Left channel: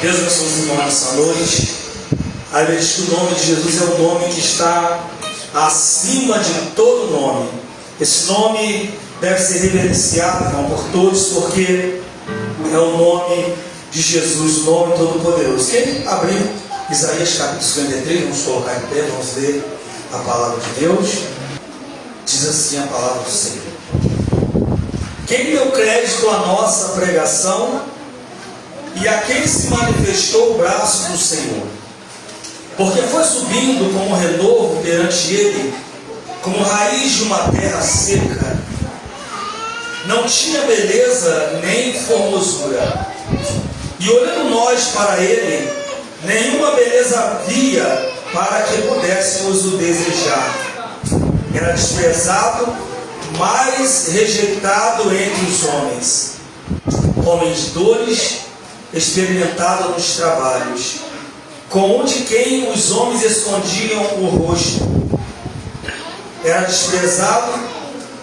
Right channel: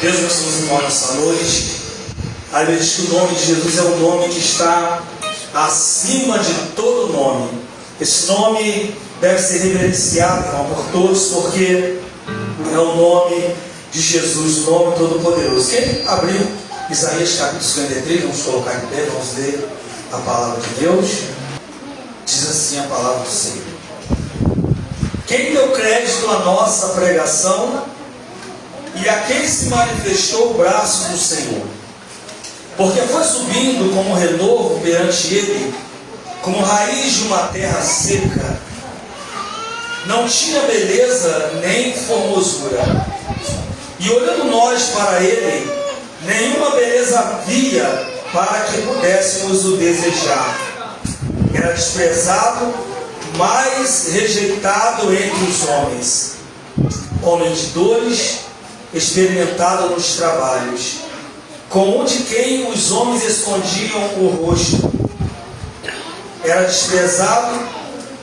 Deus abençoe os irmãos nessa noite. A Bíblia diz que o nome de Jesus é o nome que está acima de todo nome. Esse nome deve ser reverenciado, irmão, por todos, porque é o nome de Jesus, o nome todo-poderoso. Quem abriu Isaías capítulo 53, vamos colocar em pé, vamos ler a palavra de Deus. Diz assim a palavra do Senhor: quem deu crédito à nossa pregação e a quem se manifestou o braço do Senhor? Porque foi subindo como renovo perante ele, como raiz de uma terra seca. Não tinha beleza nem formosura. E olhando nós para ele, nenhuma beleza havia para que pudéssemos o desejar. Era desprezado, mais rejeitado entre os homens, homem de dores, experimentado nos trabalhos, com um de quem os homens escondiam o rosto. Era desprezado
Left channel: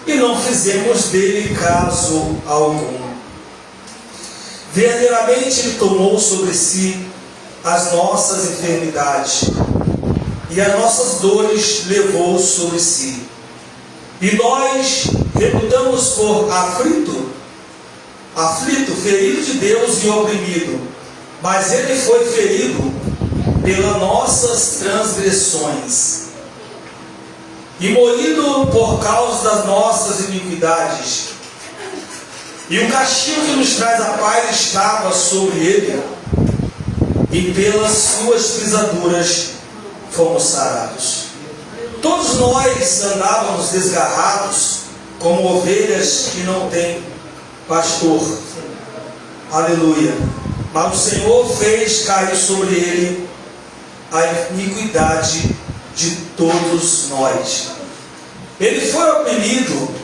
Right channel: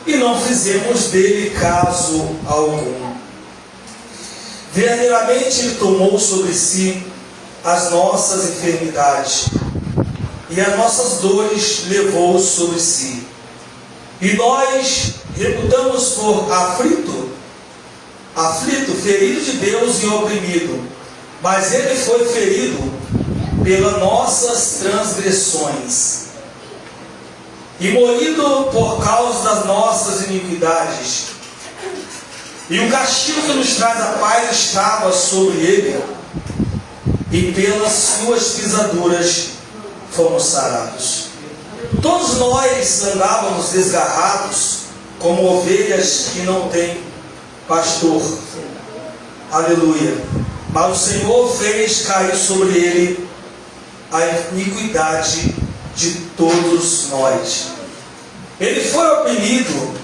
e não fizemos dele caso algum. Verdadeiramente ele tomou sobre si as nossas enfermidades e as nossas dores levou sobre si. E nós reputamos por aflito, ferido de Deus e oprimido. Mas ele foi ferido pelas nossas transgressões e moído por causa das nossas iniquidades. E o castigo que nos traz a paz estava sobre ele, e pelas suas pisaduras fomos sarados. Todos nós andávamos desgarrados, como ovelhas que não têm pastor. Aleluia. Mas o Senhor fez cair sobre ele a iniquidade de todos nós. Ele foi oprimido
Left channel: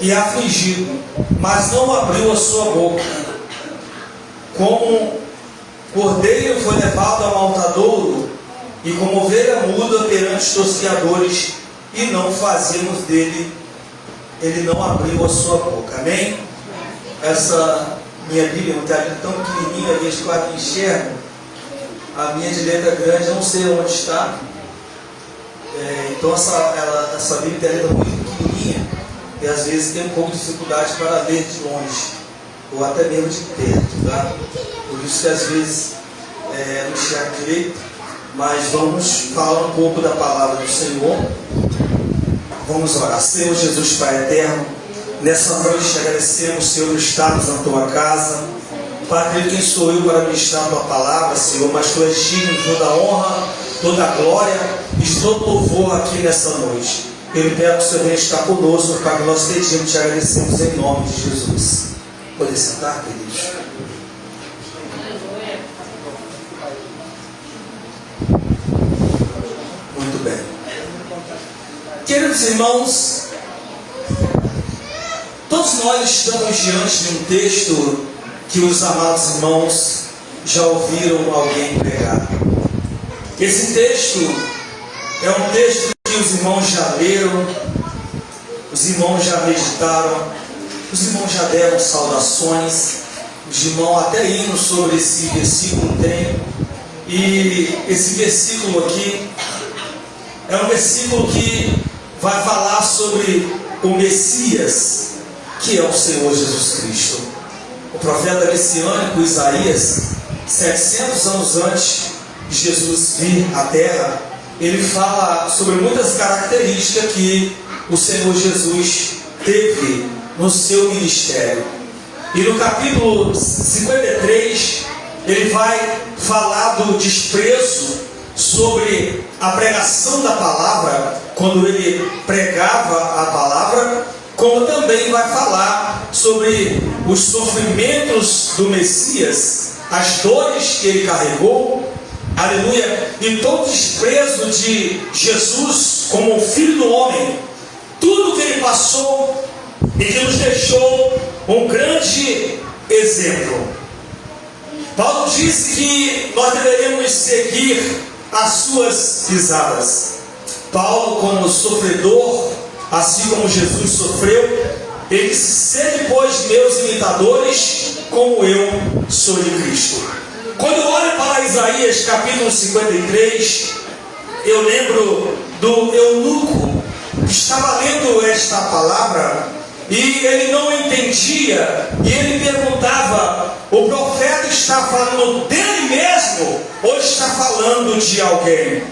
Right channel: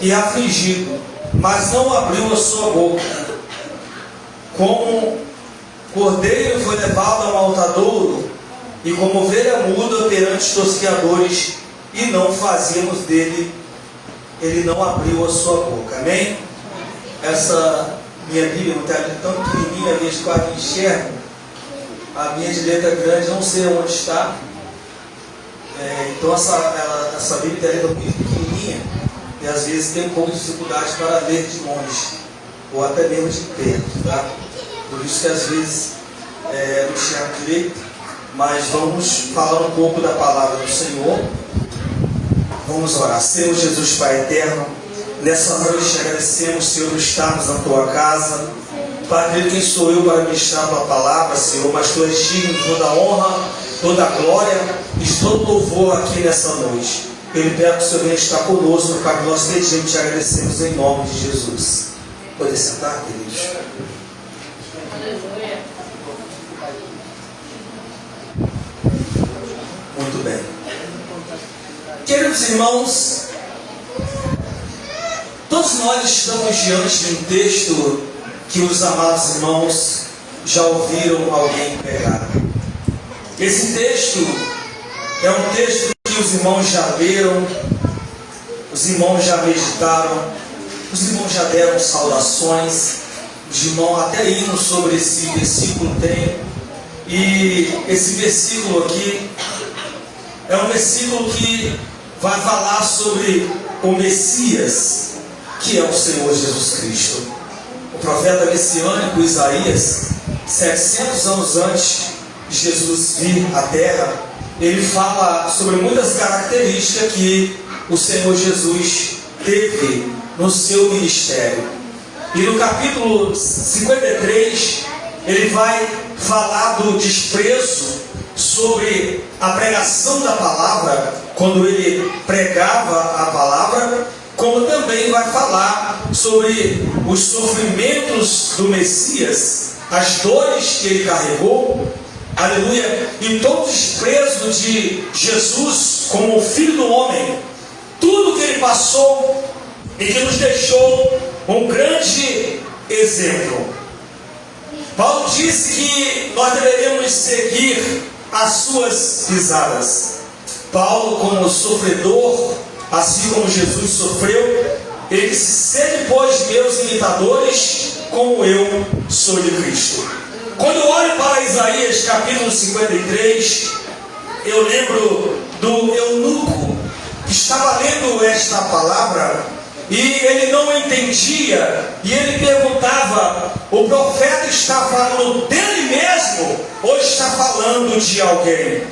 e afligido, mas não abriu a sua boca. Como cordeiro foi levado a maltadouro, e como ovelha muda perante tosqueadores, e não fazemos dele, ele não abriu a sua boca. Amém? Essa minha Bíblia não está tão pequenininha, a gente quase enxerga. A minha de letra grande, não sei onde está. Então essa Bíblia tem letra muito pequenininha, e às vezes tem um pouco de dificuldade para ler de longe, ou até mesmo de perto, tá? Por isso que às vezes não enxergo direito. Mas vamos falar um pouco da palavra do Senhor. Vamos orar. Senhor Jesus, Pai eterno, nessa noite agradecemos, Senhor, estarmos na Tua casa. Pai querido, quem sou eu para ministrar a Tua palavra, Senhor? Mas Tu és digno de toda a honra, toda a glória e de todo louvor aqui nessa noite. Eu peço que o Senhor venha estar conosco, Pai, nós pedimos, te agradecemos em nome de Jesus. Pode sentar, queridos. Muito bem. Queridos irmãos, todos nós estamos diante de um texto que os amados irmãos já ouviram alguém pregar. Esse texto é um texto que os irmãos já leram, os irmãos já meditaram, os irmãos já deram saudações, os irmãos até hinos sobre esse versículo tem. E esse versículo aqui é um versículo que vai falar sobre o Messias, que é o Senhor Jesus Cristo. O profeta messiânico Isaías, 700 anos antes de Jesus vir à terra, ele fala sobre muitas características que o Senhor Jesus teve no seu ministério. E no capítulo 53, ele vai falar do desprezo sobre a pregação da palavra, quando ele pregava a palavra, como também vai falar sobre os sofrimentos do Messias, as dores que ele carregou, aleluia, e todo o desprezo de Jesus como o Filho do Homem, tudo que ele passou e que nos deixou um grande exemplo. Paulo disse que nós deveríamos seguir as suas pisadas. Paulo, como sofredor, assim como Jesus sofreu, ele disse: sede, pois, meus imitadores, como eu sou de Cristo. Quando eu olho para Isaías capítulo 53, eu lembro do eunuco que estava lendo esta palavra e ele não entendia, e ele perguntava: o profeta está falando dele mesmo ou está falando de alguém?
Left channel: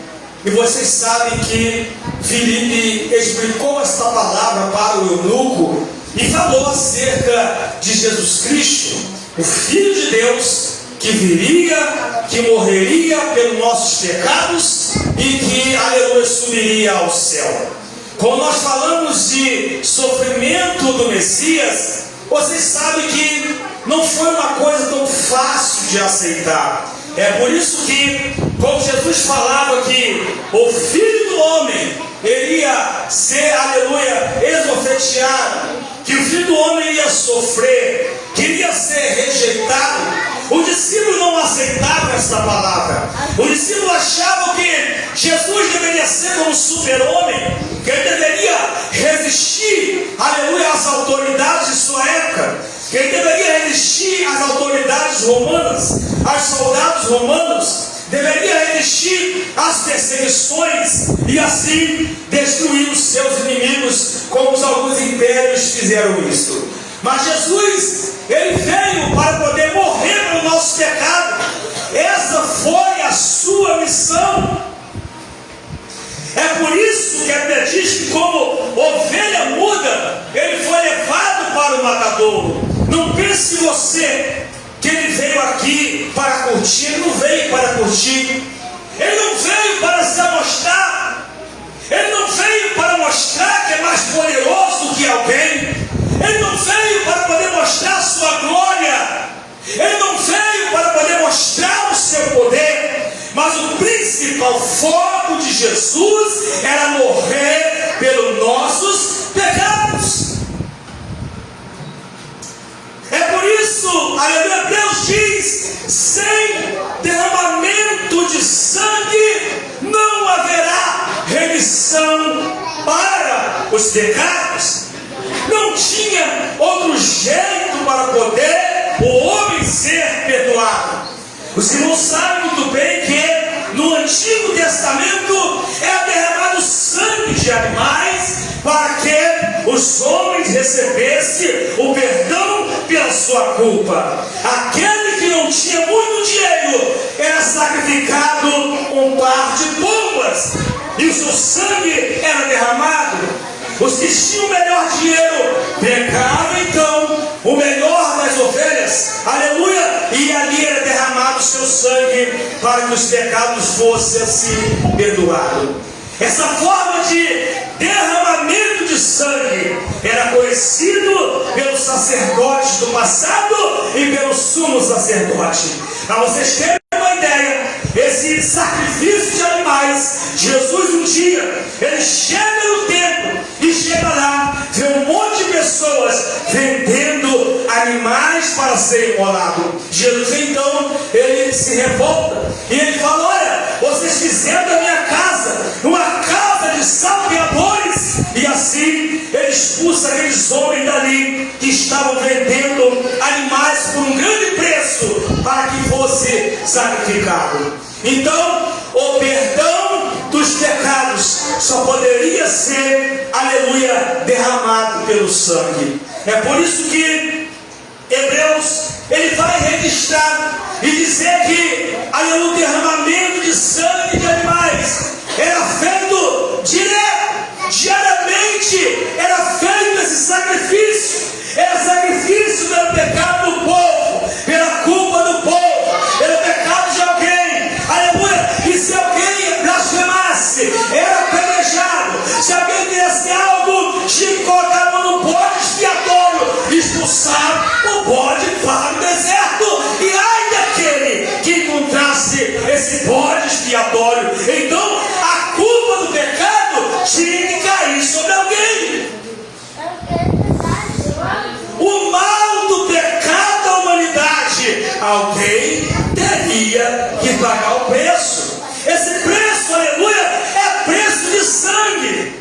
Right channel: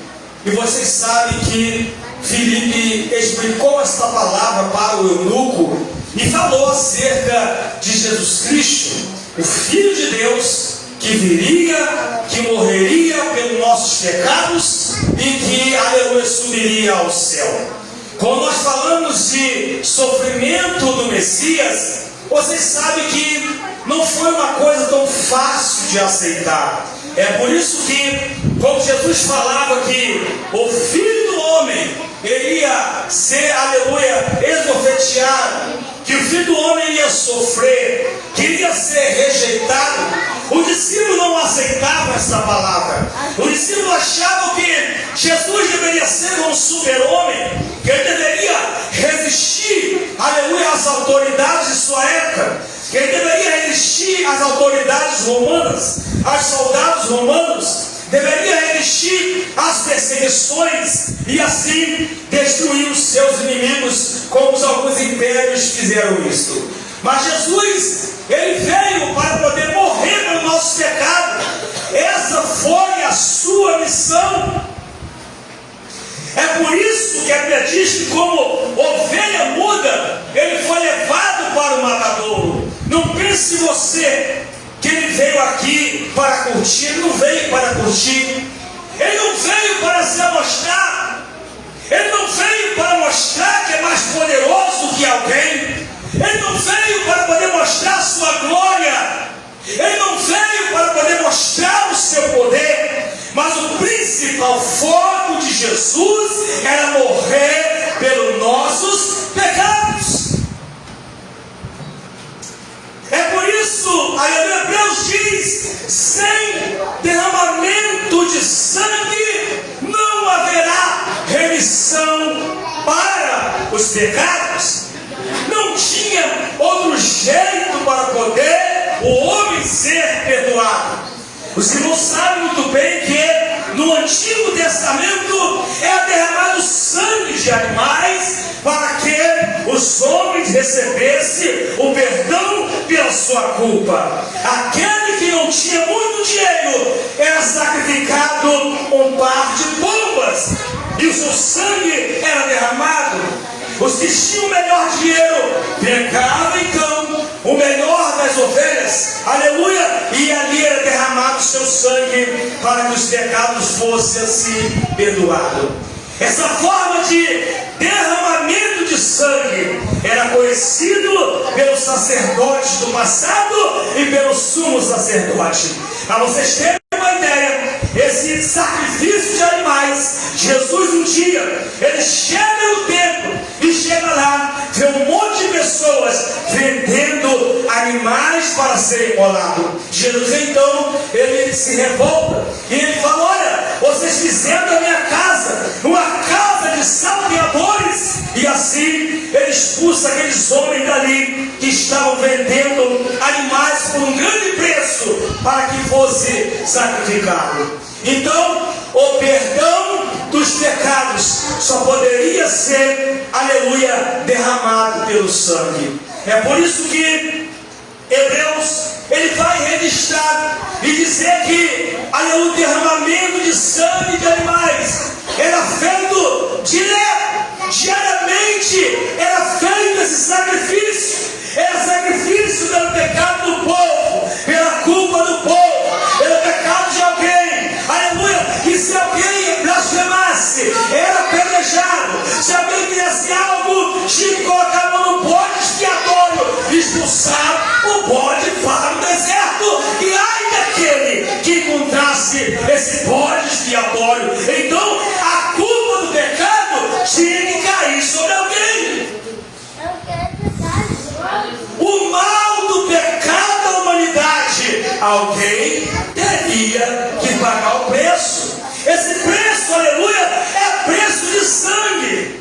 E vocês sabem que Filipe explicou esta palavra para o eunuco e falou acerca de Jesus Cristo, o Filho de Deus, que viria, que morreria pelos nossos pecados e que, aleluia, subiria ao céu. Quando nós falamos de sofrimento do Messias, vocês sabem que não foi uma coisa tão fácil de aceitar. É por isso que, quando Jesus falava que o Filho do Homem iria ser, aleluia, esbofeteado, que o Filho do Homem iria sofrer, que iria ser rejeitado, os discípulos não aceitavam essa palavra. Os discípulos achavam que Jesus deveria ser um super-homem, que ele deveria resistir, aleluia, às autoridades de sua época, que ele deveria resistir às autoridades romanas, aos soldados romanos, deveria resistir às perseguições e assim destruir os seus inimigos, como alguns impérios fizeram isto. Mas Jesus, ele veio para poder morrer pelo nosso pecado. Essa foi a sua missão. É por isso que a Bíblia diz que, como ovelha muda, ele foi levado para o matadouro. Não pense você que ele veio aqui para curtir. Ele não veio para curtir. Ele não veio para se amostrar. Ele não veio para mostrar que é mais poderoso do que alguém. Ele não veio para poder mostrar sua glória. Ele não veio para poder mostrar o seu poder. Mas o principal foco de Jesus era morrer pelos nossos pecados. É por isso, a Hebreus diz: sem derramamento de sangue não haverá remissão para os pecados. Não tinha outro jeito para poder o homem ser perdoado. Os que não sabem muito bem que no Antigo Testamento era derramado sangue de animais para que os homens recebessem o perdão pela sua culpa. Aquele que não tinha muito dinheiro era sacrificado um par de pombas e o seu sangue era derramado. Os que tinham o melhor dinheiro pegavam então o melhor das ovelhas, aleluia, e ali era derramado o seu sangue para que os pecados fossem assim perdoados. Essa forma de derramamento de sangue era conhecido pelos sacerdotes do passado e pelo sumo sacerdote. Para vocês terem uma ideia, esse sacrifício de animais, Jesus um dia, ele chega no templo e chega lá, vê um monte de pessoas vendendo animais para serem imolados. Jesus então, ele se revolta e ele fala: olha, vocês fizeram da minha casa uma casa de salteadores. E assim ele expulsa aqueles homens dali que estavam vendendo animais por um grande preço para que fosse sacrificado. Então, o perdão dos pecados só poderia ser, aleluia, derramado pelo sangue. É por isso que Hebreus, ele vai registrar e dizer que, aleluia, o derramamento de sangue de animais era feito diariamente, era feito esse sacrifício. Era sacrifício pelo pecado do povo, pela culpa do povo, pelo pecado de alguém, aleluia. E se alguém blasfemasse, era apedrejado. Se alguém fizesse algo, tinha que colocar a mão no bode expiatório, expulsar o bode para o deserto. E ai daquele que encontrasse esse bode expiatório. Então a culpa do pecado tinha que cair sobre alguém. O mal do pecado da humanidade, alguém teria que pagar o preço. Esse preço, aleluia, é preço de sangue.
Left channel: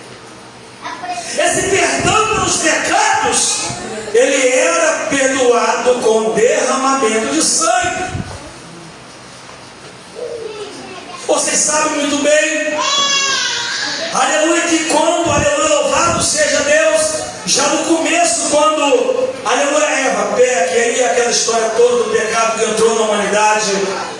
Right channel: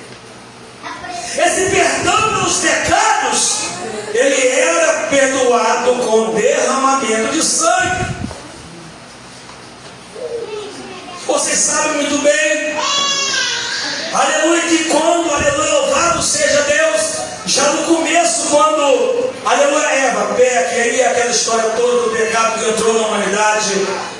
Esse perdão pelos pecados, ele era perdoado com com derramamento de sangue. Você sabe muito bem, aleluia, que quando, aleluia, louvado seja Deus, já no começo, quando, aleluia, Eva peca, e aí aquela história toda do pecado que entrou na humanidade,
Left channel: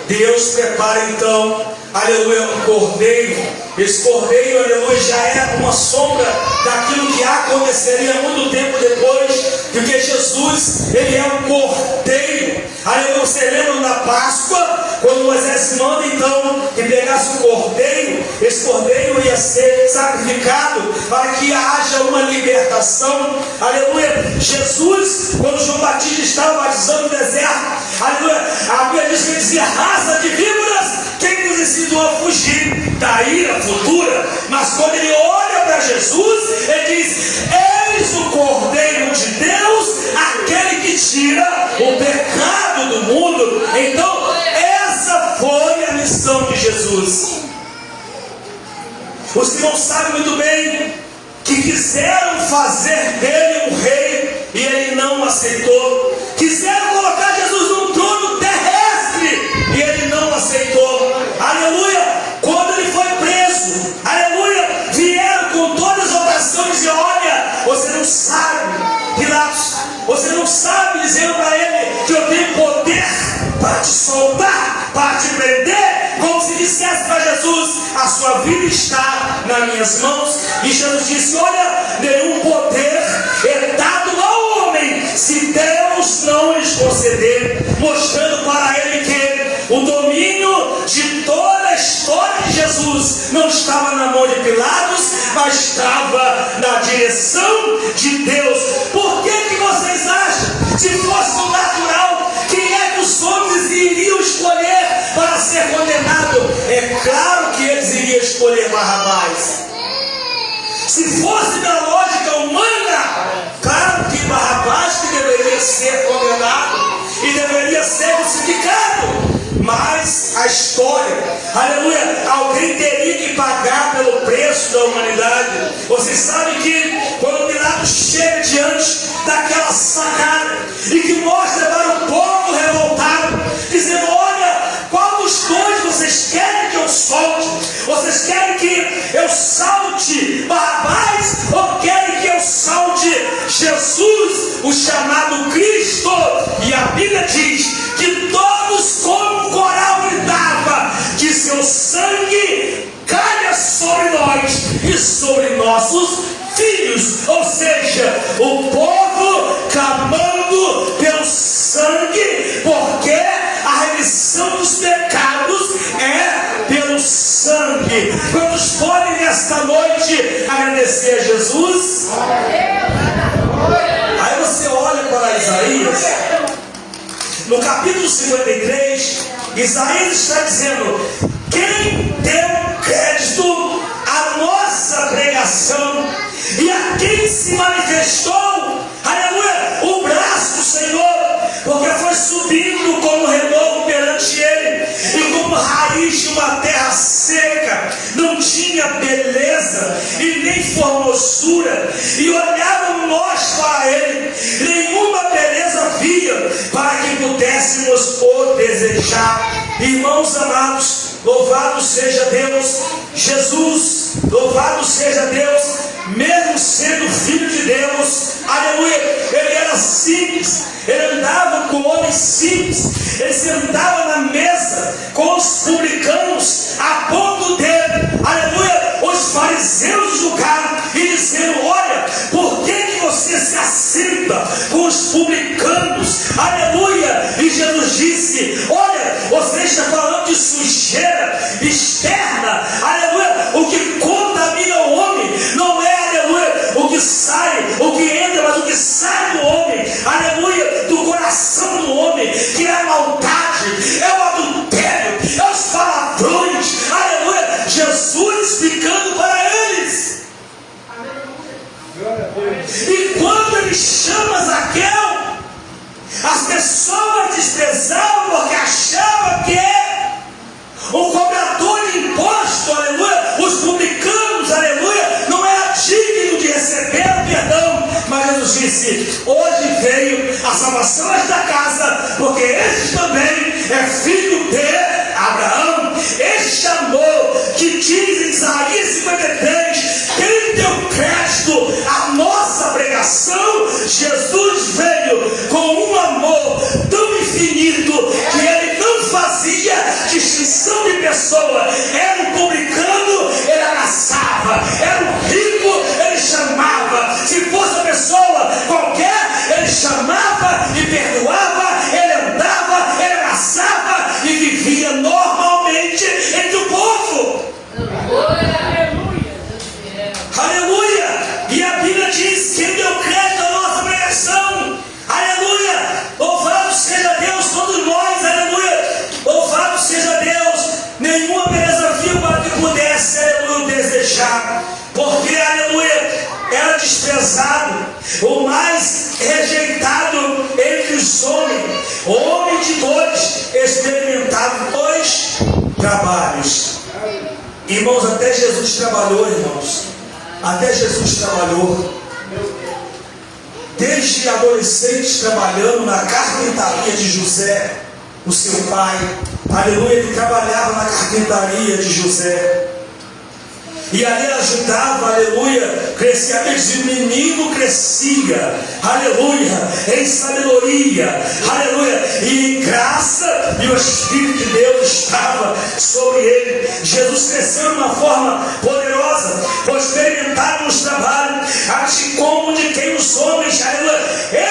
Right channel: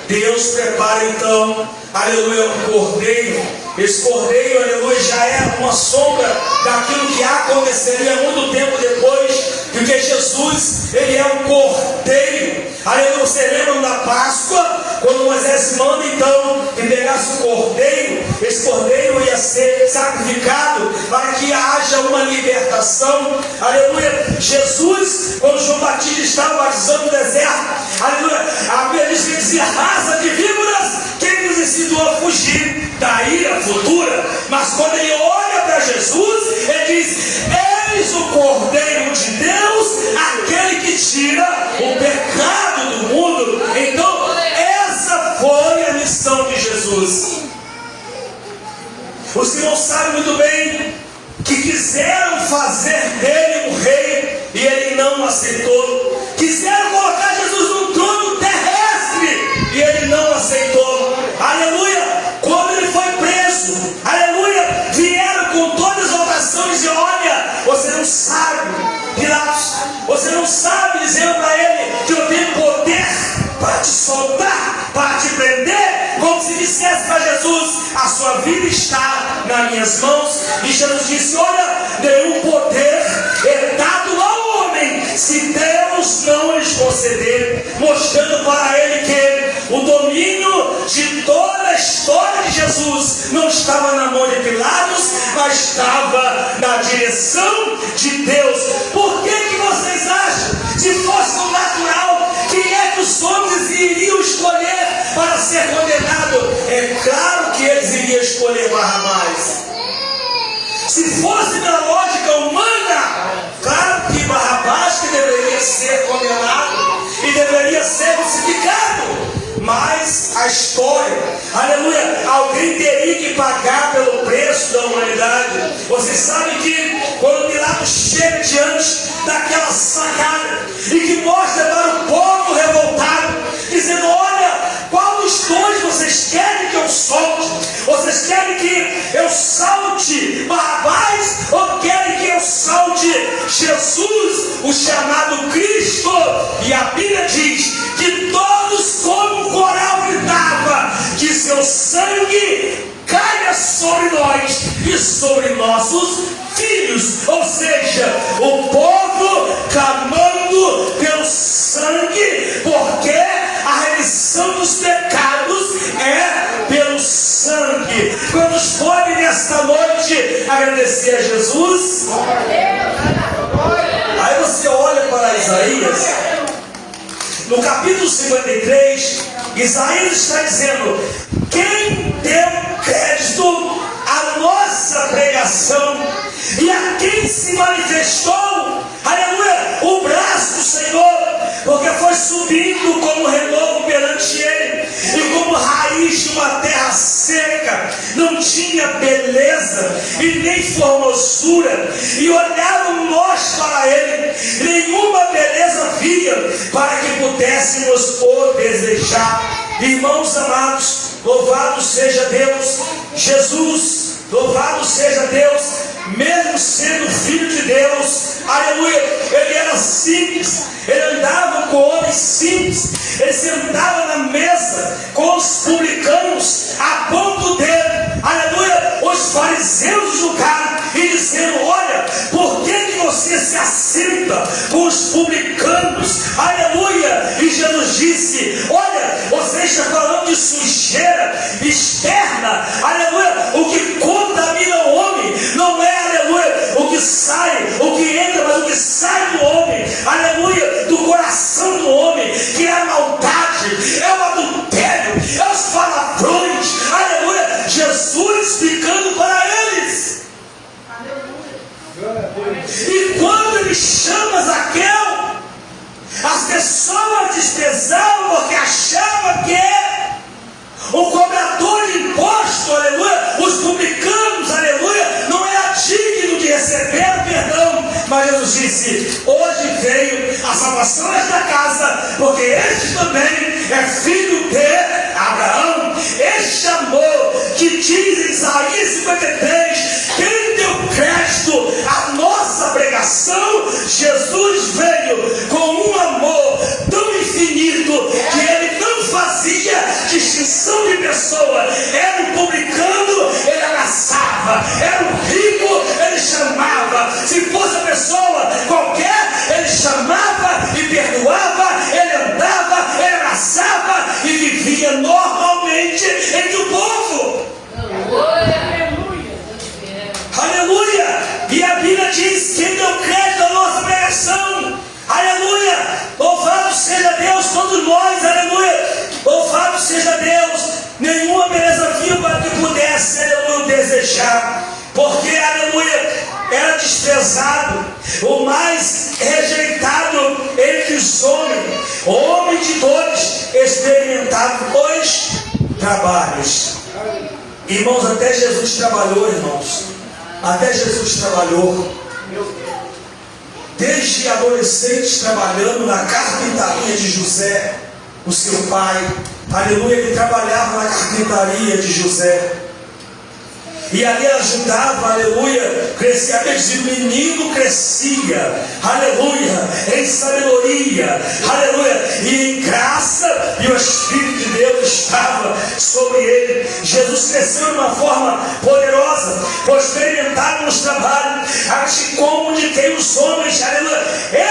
Deus prepara então, aleluia, um cordeiro. Esse cordeiro, aleluia, já era uma sombra daquilo que aconteceria muito tempo depois, porque Jesus, ele é um cordeiro. Aleluia, você lembra da Páscoa, quando Moisés manda então que pegasse o cordeiro, esse cordeiro ia ser sacrificado para que haja uma libertação. Aleluia, Jesus, quando João Batista estava batizando no deserto, aleluia, a Bíblia diz que ele dizia: raça de víboras, quem nos ensinou a fugir da ira futura? Mas quando ele olha para Jesus, ele diz: eis o Cordeiro de Deus, aquele que tira o pecado do mundo. Então essa foi a missão de Jesus. Os que não sabem muito bem, que quiseram fazer dele um rei e ele não aceitou, quiseram colocar Jesus num trono terrestre e ele não aceitou. Aleluia, quando ele foi preso, aleluia, vieram com todas as orações e olha, você não sabe, Pilatos, você não sabe, dizendo para ele que eu tenho poder para te soltar, para te prender, como se dissesse para Jesus: a sua vida está nas minhas mãos. E Jesus disse: olha, nenhum poder é dado ao homem se Deus não lhes conceder, mostrando para ele que o domínio de toda a história de Jesus não estava na mão de Pilatos, mas estava na direção de Deus. Por que vocês acham? Se fosse no natural, quem é que os homens iriam escolher para ser condenado? É claro que eles iriam escolher Barrabás. Se fosse na lógica humana, claro que Barrabás que deveria ser condenado e deveria ser crucificado. Mas a história, aleluia, alguém teria que pagar pelo preço da humanidade. Vocês sabem que quando Pilatos chega diante daquela sarrada e que mostra para o povo revoltado, dizendo: olha, qual dos dois vocês querem que eu solte? Vocês querem que eu salte Barrabás ou querem que eu salte Jesus, o chamado Cristo? E a Bíblia diz que todos, como o coral gritava, que seu sangue caia sobre nós e sobre nossos filhos. Ou seja, o povo clamando pelo sangue, porque a remissão dos pecados é pelo sangue. Quantos podem nesta noite agradecer a Jesus? Aí você olha para Isaías, no capítulo 53, Isaías está dizendo: quem deu crédito à nossa pregação e a quem se manifestou, aleluia, o braço do Senhor, porque foi subindo como renovo perante ele, e como raiz de uma terra seca, não tinha beleza e nem formosura, e olhavam nós para ele, nenhuma beleza via, para que pudéssemos o desejar. Irmãos amados, louvado seja Deus, Jesus, louvado seja Deus, mesmo sendo filho de Deus, aleluia, ele era simples, ele andava com homens simples, ele sentava na mesa com os publicanos, a ponto de, aleluia, os fariseus julgaram e dizendo: olha, por que você se assenta com os publicanos? Aleluia. E Jesus disse: olha, você está falando de sujeira externa, aleluia, o que contamina o homem não é, aleluia, o que sai, o que entra, mas o que sai do homem, aleluia, do coração do homem, que é a maldade, é o adultério, é os palavrões, aleluia. Jesus explicando para eles. E quando ele chama Zaqueu, as pessoas desprezavam porque achavam que o cobrador de imposto, aleluia, os publicanos, aleluia, não era digno de receber o perdão. Mas Jesus disse: hoje veio a salvação desta casa porque este também é filho de Abraão. Este amor que diz em Isaías 53, tendo o crédito a nossa pregação, Jesus veio com um amor tão infinito que ele não fazia distinção de pessoa. Era um publicano, ele abraçava; era um rico, ele chamava; se fosse a pessoa qualquer, ele chamava e perdoava, ele andava, ele abraçava e vivia normalmente entre o povo. Aleluia! E a Bíblia diz que ele deu crédito à nossa pregação. Aleluia! Louvado seja Deus, todos nós. Aleluia! Louvado seja Deus. Nenhuma beleza viu para que pudesse, aleluia, desejar. Porque, aleluia, era desprezado, o mais rejeitado entre os homens, homem de dores, experimentado 2 trabalhos. Irmãos, até Jesus trabalhou, irmãos. Até Jesus trabalhou. Desde adolescente trabalhando na carpintaria de José, o seu pai. Aleluia, ele trabalhava na carpintaria de José. E ali ajudava, aleluia, crescia, o menino crescia, aleluia, em sabedoria, aleluia, e em graça, e o Espírito de Deus estava sobre ele. Jesus cresceu de uma forma poderosa, foi experimentado nos trabalhos, assim como de quem os homens, aleluia,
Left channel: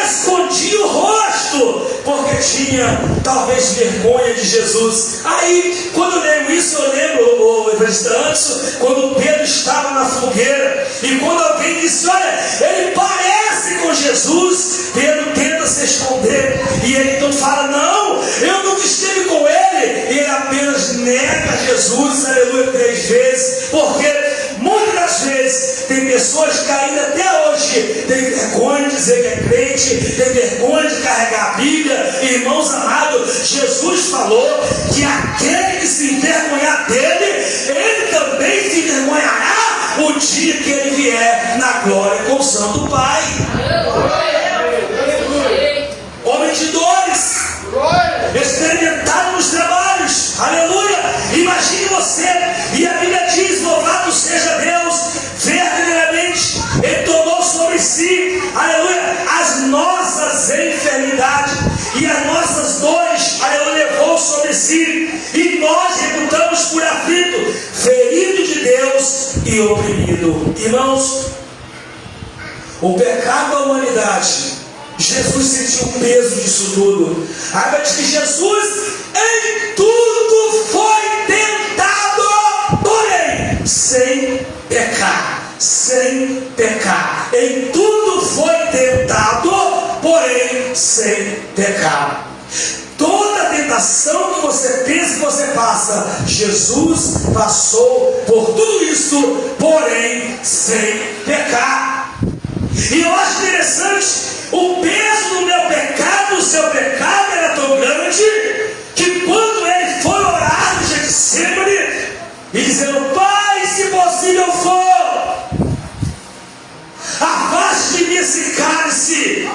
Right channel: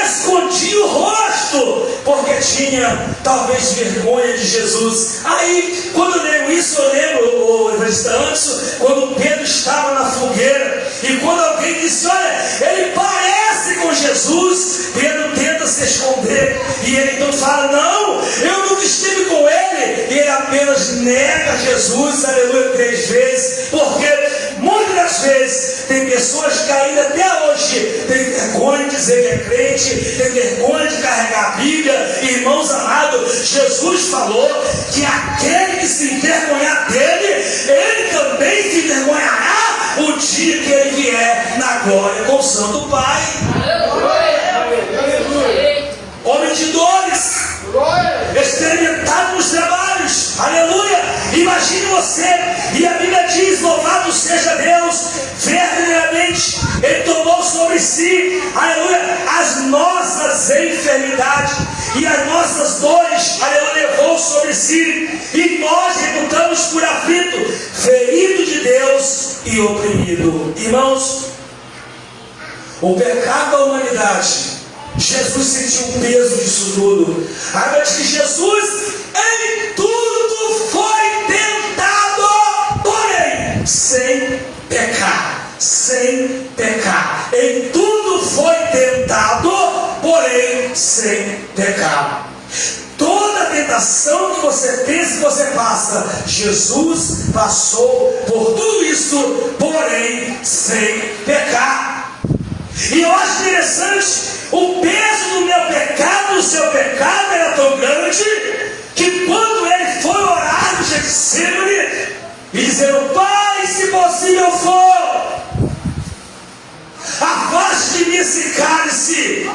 escondiam o rosto, porque tinha talvez vergonha de Jesus. Aí, quando eu leio isso, eu lembro o evangelista antes, quando Pedro estava na fogueira, e quando alguém disse: olha, ele parece com Jesus, Pedro tenta se esconder, e ele então fala: não, eu nunca estive com ele, e ele apenas nega Jesus, aleluia, 3 vezes, porque muitas das vezes tem pessoas que ainda até hoje têm vergonha de dizer que é crente, tem vergonha de carregar a Bíblia. Irmãos amados, Jesus falou que aquele que se envergonhar dele, ele também se envergonhará o dia que ele vier na glória com o Santo Pai. Homem de dores, experimentado nos trabalhos, aleluia. Imagine você, e a Bíblia diz: louvado seja Deus, verdadeiramente ele tomou sobre si, aleluia, as nossas enfermidades e as nossas dores, aleluia, levou sobre si, e nós reputamos por aflito, ferido de Deus e oprimido. Irmãos, o pecado da humanidade, Jesus sentiu o peso disso tudo. A Bíblia diz que Jesus em tudo foi tentado, porém sem pecar. Sem pecar. Em tudo foi tentado, porém sem pecar. Toda tentação que você pensa que você passa, Jesus passou por tudo isso, porém sem pecar. E eu acho interessante, o peso do meu pecado, do seu pecado era tão grande, que quando ele foi orar no Getsemane, e dizendo: Pai, se possível for, afaste de mim esse cálice.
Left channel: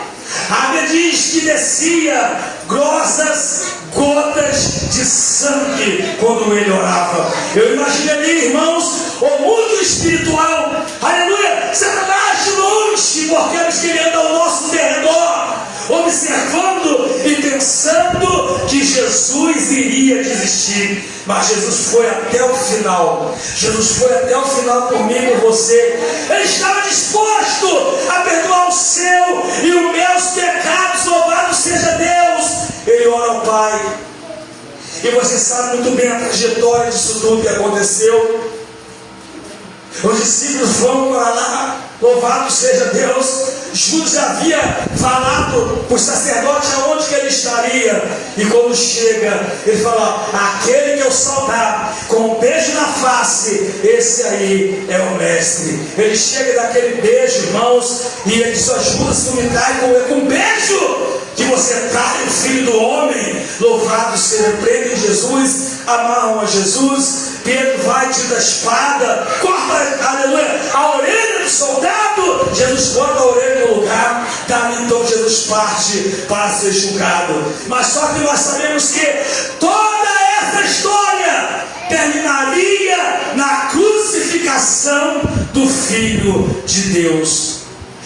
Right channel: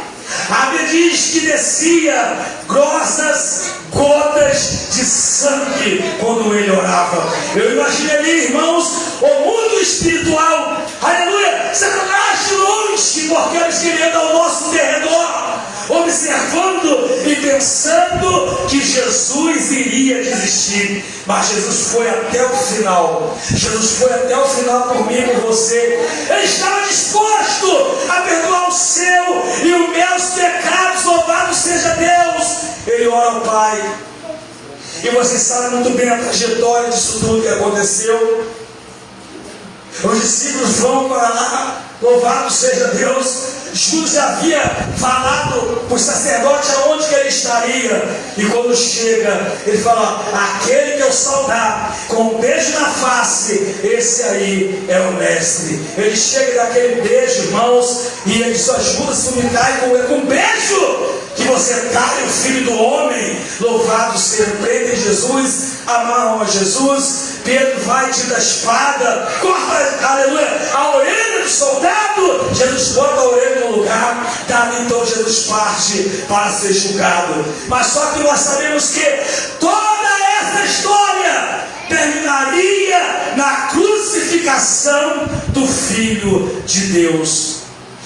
A Bíblia diz que descia grossas gotas de sangue quando ele orava. Eu imagino ali, irmãos, o mundo espiritual, aleluia, Satanás de longe, porque eles queriam ao nosso derredor, observando e pensando que Jesus iria desistir. Mas Jesus foi até o final. Jesus foi até o final por mim e por você. Ele estava disposto a perdoar o seu e os meus pecados. Louvado seja Deus. Ele ora ao Pai. E você sabe muito bem a trajetória disso tudo que aconteceu. Os discípulos vão para lá. Louvado seja Deus. Judas havia falado para o sacerdote aonde que ele estaria. E quando chega, ele fala: aquele que eu saudar com um beijo na face, esse aí é o mestre. Ele chega daquele beijo, irmãos, e ele diz: Judas, tu me trai com um beijo que você trai o Filho do Homem. Louvado seja, crente em Jesus, amarram a Jesus. Pedro vai, tira a espada, corta, aleluia, a orelha do soldado, Jesus bota a orelha no lugar, dali então Jesus parte para ser julgado. Mas só que nós sabemos que toda essa história terminaria na crucificação do Filho de Deus.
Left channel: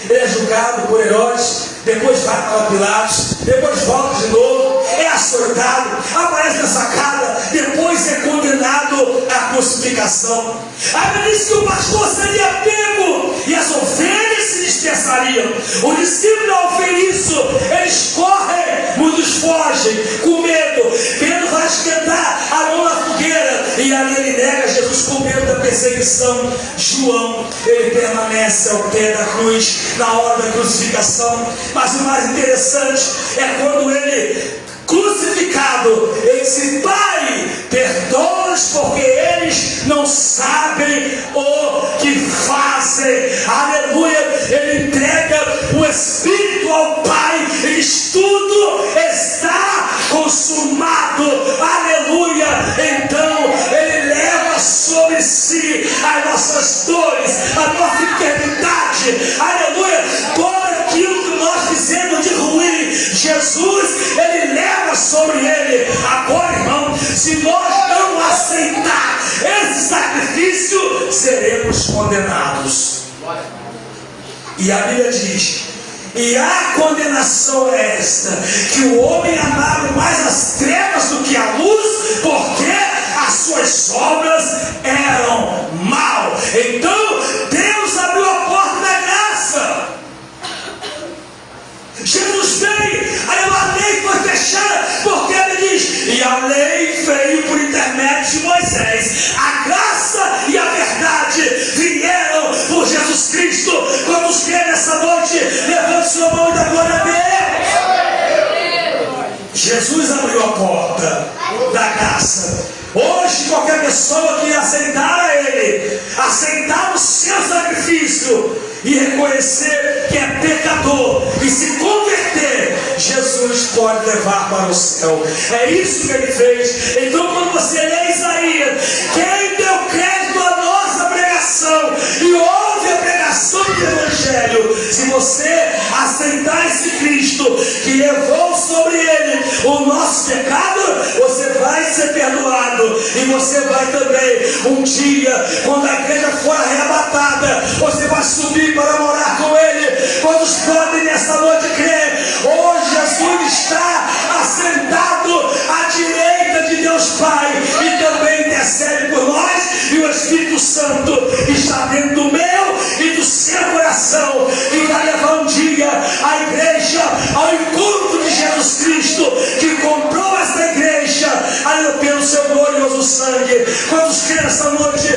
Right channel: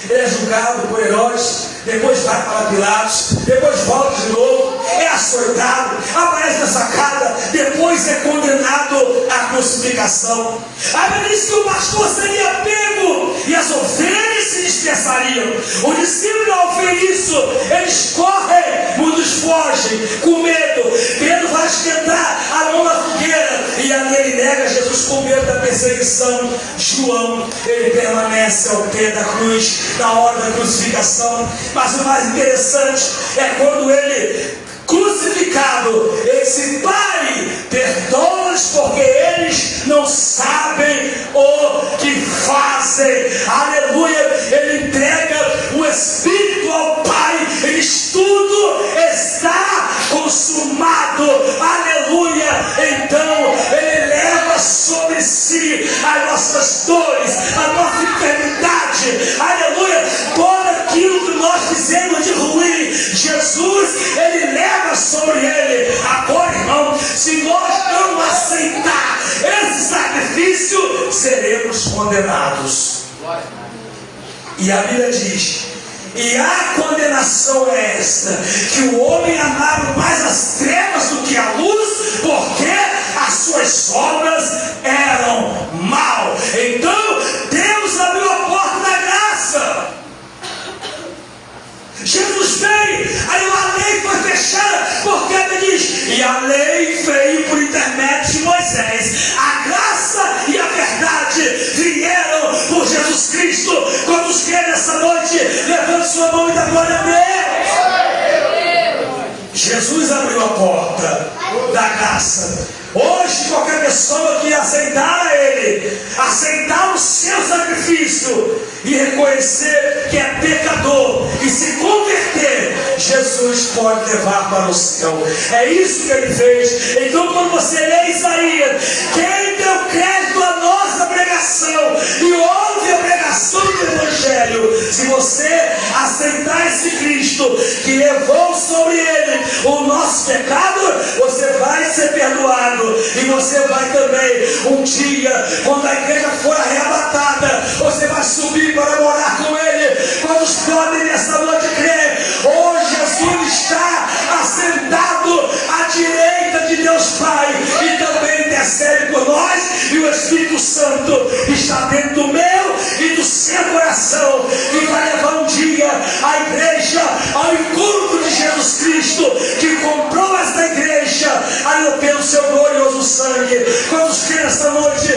Ele é julgado por Herodes, depois vai para Pilatos, depois volta de novo, é açoitado, aparece na sacada, depois é condenado à crucificação. Aí diz que o pastor seria pego e as ovelhas se dispersariam. O discípulo, ao ver isso, eles correm, muitos fogem com medo. Pedro vai esquentar a mão na fogueira e ali ele nega Jesus com medo da perseguição. João, ele permanece ao pé da cruz na hora da crucificação. Mas o mais interessante é quando ele, crucificado, ele disse: Pai, perdoa-os porque eles não sabem o que fazem. Aleluia. Ele entrega o Espírito ao Pai e diz: tudo está consumado. Aleluia. Então ele leva sobre si as nossas dores, a nossa enfermidade. Aleluia. Todo aquilo que nós fizemos de ruim, Jesus, ele leva sobre ele. Agora, irmão, se nós não aceitar esse sacrifício, seremos condenados. E a Bíblia diz: e a condenação é esta, que o homem amava mais as trevas do que a luz, porque as suas obras eram mal. Então Deus abriu a porta da graça. Jesus veio, aí a lei foi fechada, porque ele diz: e a lei veio por intermédio de Moisés, a graça e a verdade vieram por Jesus Cristo. Vamos crer nessa noite, levante sua mão e dá glória a Deus. Jesus abriu a porta da graça. Hoje qualquer pessoa que aceitar a Ele, aceitar o seu sacrifício e reconhecer que é pecador e se converter, Jesus pode levar para o céu. É isso que Ele fez. Então quando você lê Isaías, quem deu crédito à nossa pregação e ouve a pregação do Evangelho, se você aceitar esse Cristo que levou sobre Ele o nosso pecado, você vai ser perdoado. E você vai também, um dia, quando a igreja for arrebatada, você vai subir para morar com Ele. Quantos podem nessa noite crer? Hoje Jesus está assentado à direita de Deus Pai e também intercede por nós, e o Espírito Santo está dentro do meu e do seu coração, e vai levar um dia a igreja ao encontro de Jesus Cristo, que comprou essa igreja pelo seu glorioso sangue. Quantos creem nessa noite